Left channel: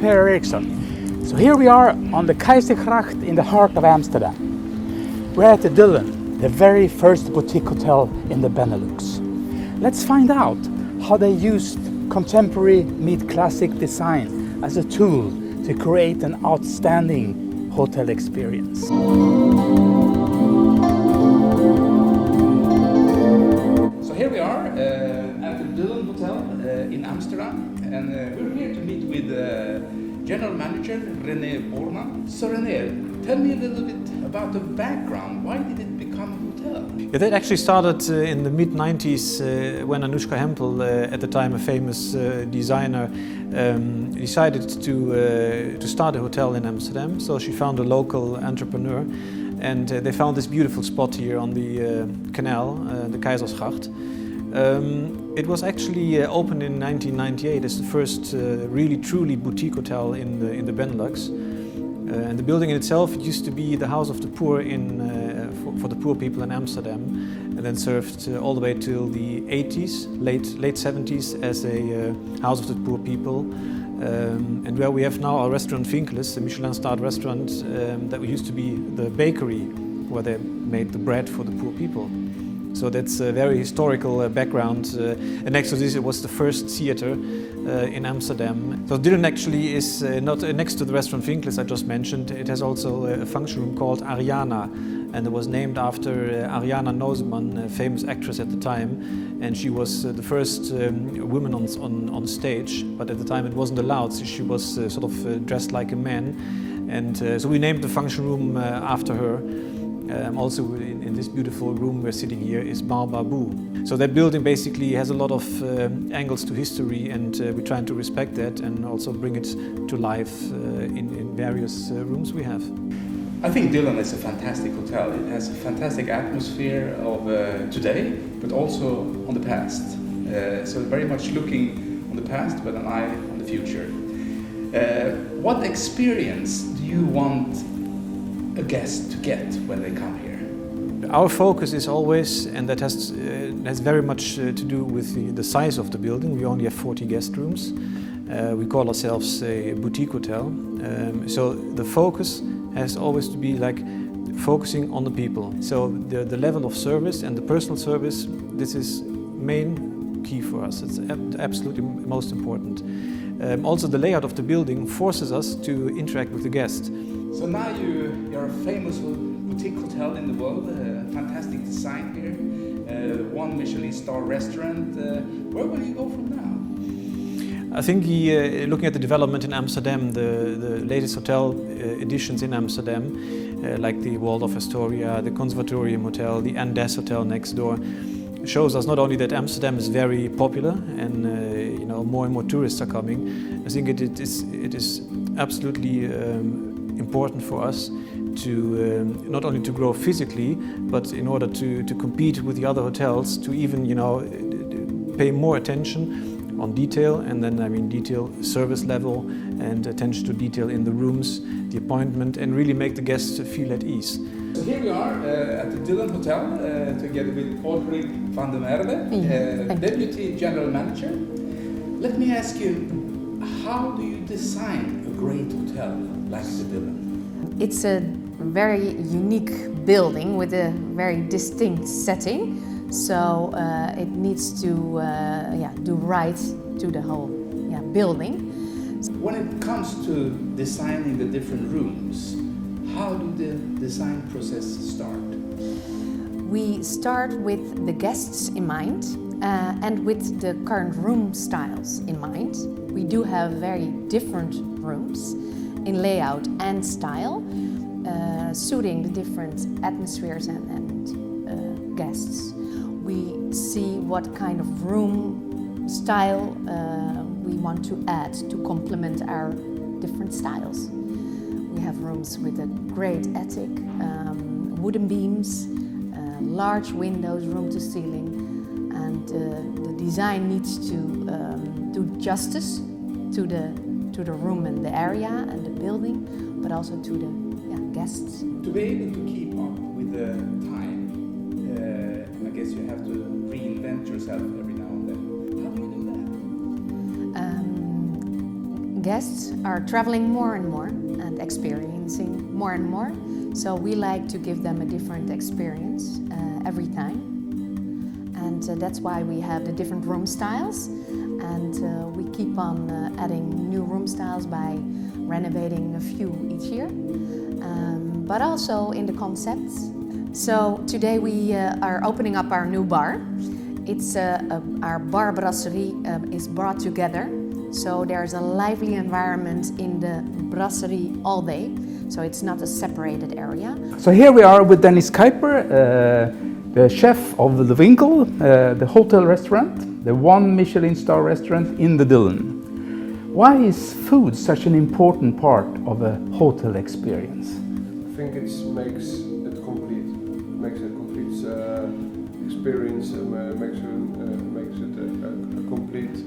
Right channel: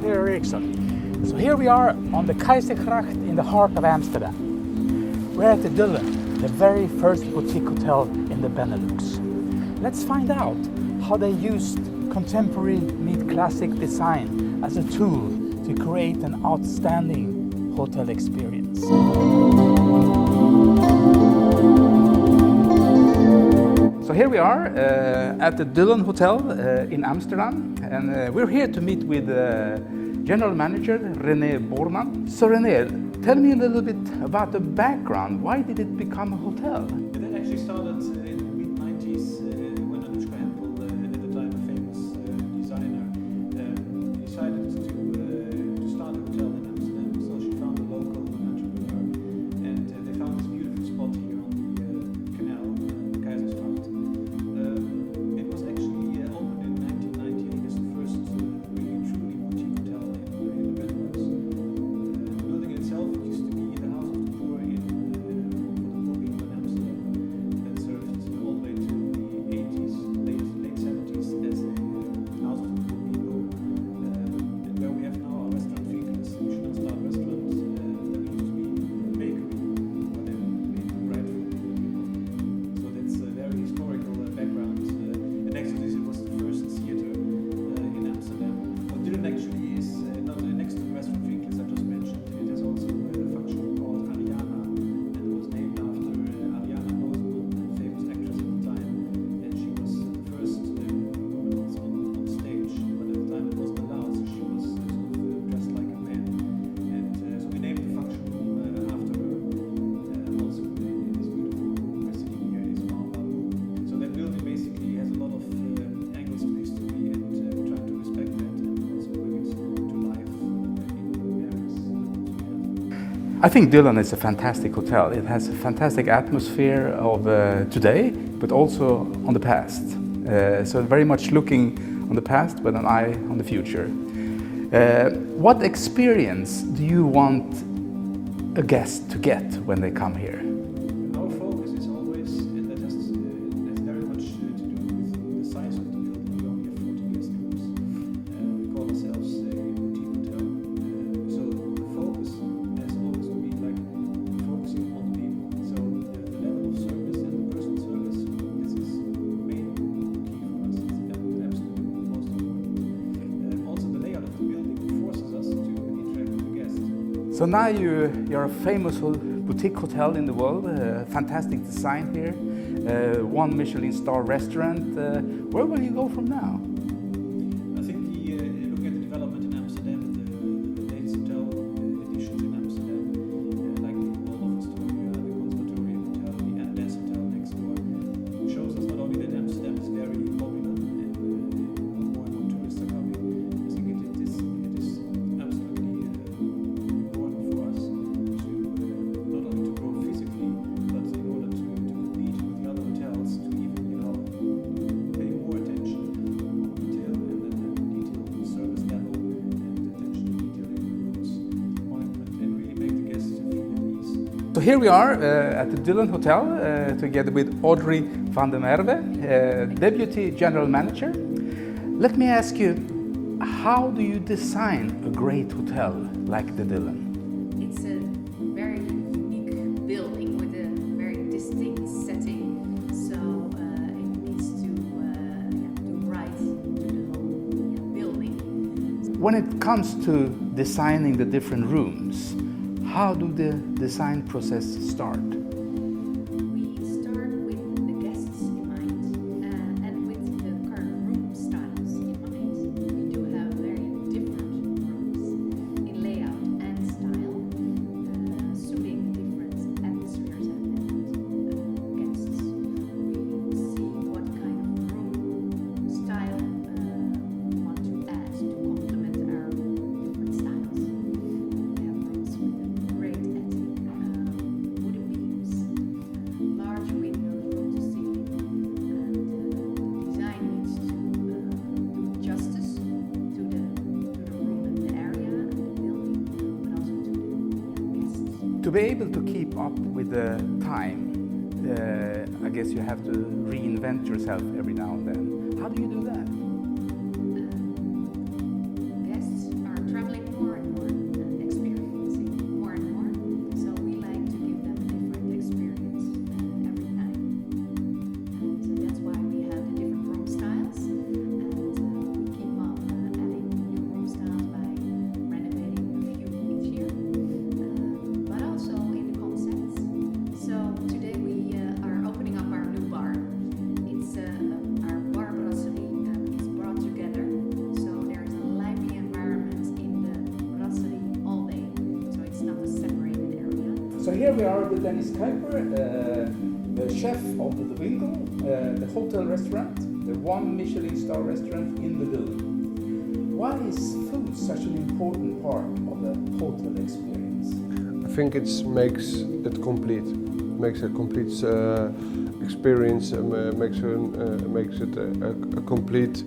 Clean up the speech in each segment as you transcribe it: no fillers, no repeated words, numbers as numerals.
Per Eriksson. So here we are on the Keizersgracht in the heart of Amsterdam. We're at the Dylan, the very first boutique hotel in the Benelux. Let's find out how they used contemporary meet classic design as a tool to create an outstanding hotel experience. So here we are at the Dylan Hotel in Amsterdam, and we're here to meet with General Manager René Bornmann. So René, tell me a little bit about the background. Why did it become a hotel? Yeah, that actually started in the mid-90s when Anouska Hempel, at the time a famous designer, decided to start a hotel in Amsterdam. So she found a local entrepreneur, and they found this beautiful spot here on the canal, the Keizersgracht. It was actually opened in 1998 as the first really truly boutique hotel in the Benelux. And the building in itself used to be the house of the poor for the poor people in Amsterdam, and then served all the way till the 80s, late 70s as a house of the poor people. And where we have now our restaurant Vinkeles, a Michelin-starred restaurant that used to be the bakery where they made the bread for the poor people. So that's a very historical background. And next to this, it was the first theater in Amsterdam. So Dylan actually is not next to the restaurant Vinkeles I just mentioned. It has also a function room called Ariana, and it was named after Ariana Noseman, a famous actress at the time. And she was the first woman on stage, but at the time it wasn't allowed, so she was sort of dressed like a man. And so we named the function room after her. Also in this beautiful room we're sitting here is Babu. So that building basically has a lot of angles to history, and we're trying to respect that and also bring it to life in various rooms we have. I think Dylan is a fantastic hotel. It has a fantastic atmosphere of today, but also on the past. So very much looking on the past, but an eye on the future. What experience do you want a guest to get when they come here? Our focus is always, and that has very much to do with the size of the building. We only have 40 guest rooms. We call ourselves a boutique hotel. So the focus has always to be like focusing on the people. So the level of service and the personal service, this is main key for us. It's absolutely most important. Also the layout of the building forces us to interact with the guest. So now you're a famous boutique hotel in the world, fantastic design here, one Michelin-starred restaurant. Where will you go from now? I think looking at the development in Amsterdam, the latest hotel additions in Amsterdam, like the Waldorf Astoria, the Conservatorium Hotel, the Andes Hotel next door, shows us not only that Amsterdam is very popular and more and more tourists are coming. I think it is absolutely important for us to not only to grow physically, but in order to compete with the other hotels, to even pay more attention on detail, and then I mean detail, service level, and attention to detail in the rooms, the appointment, and really make the guests feel at ease. So here we are at the Dylan Hotel together with Audrey van der Merwe, Deputy General Manager. Let me ask you, how do you design a great hotel like the Dylan? It's a very unique building with a very distinct setting, so it needs to do right to the whole building. When it comes to designing the different rooms, how do the design process start? We start with the guests in mind and with the current room styles in mind. We do have very different rooms in layout and style, suiting the different atmospheres and guests. We see what kind of room style we want to add to complement our different styles. We have rooms with a great attic, wooden beams, large windows, room to ceiling, and the design needs to do justice to the room and the area and the building, but also to the guests. To be able to keep up with the time, I guess you have to reinvent yourself every now and then. How do you do that? guests are traveling more and more and experiencing more and more. So we like to give them a different experience every time. And that's why we have the different room styles. And we keep on adding new room styles by renovating a few each year. But also in the concepts. So today we are opening up our new bar. It's our bar brasserie is brought together. So there's a lively environment in the brasserie all day. So it's not a separated area. So here we are with Dennis Kuipers, the chef of the Vinkeles, the hotel restaurant, the one Michelin-starred restaurant in the Dillon. Why is food such an important part of a hotel experience? I think it makes it complete. Makes a complete experience. Makes it a complete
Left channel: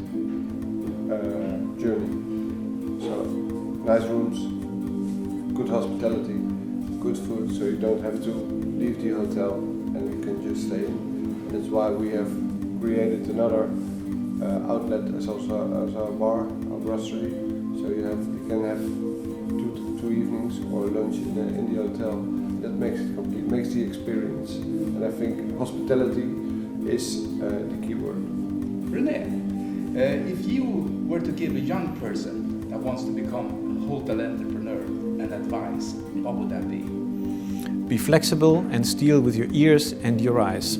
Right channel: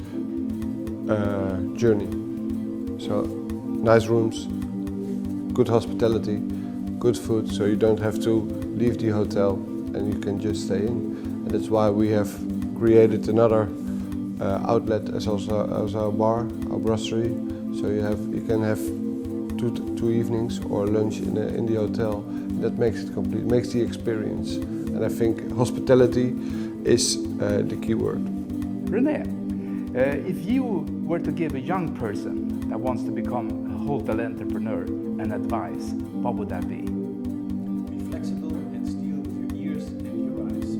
journey. So nice rooms, good hospitality, good food. So you don't have to leave the hotel and you can just stay in. And that's why we have created another outlet as our bar, our brasserie. So you can have two evenings or lunch in the hotel. That makes it complete, makes the experience. And I think hospitality is the key word. René, if you were to give a young person that wants to become a hotel entrepreneur an advice, what would that be? Be flexible and steal with your ears and your eyes.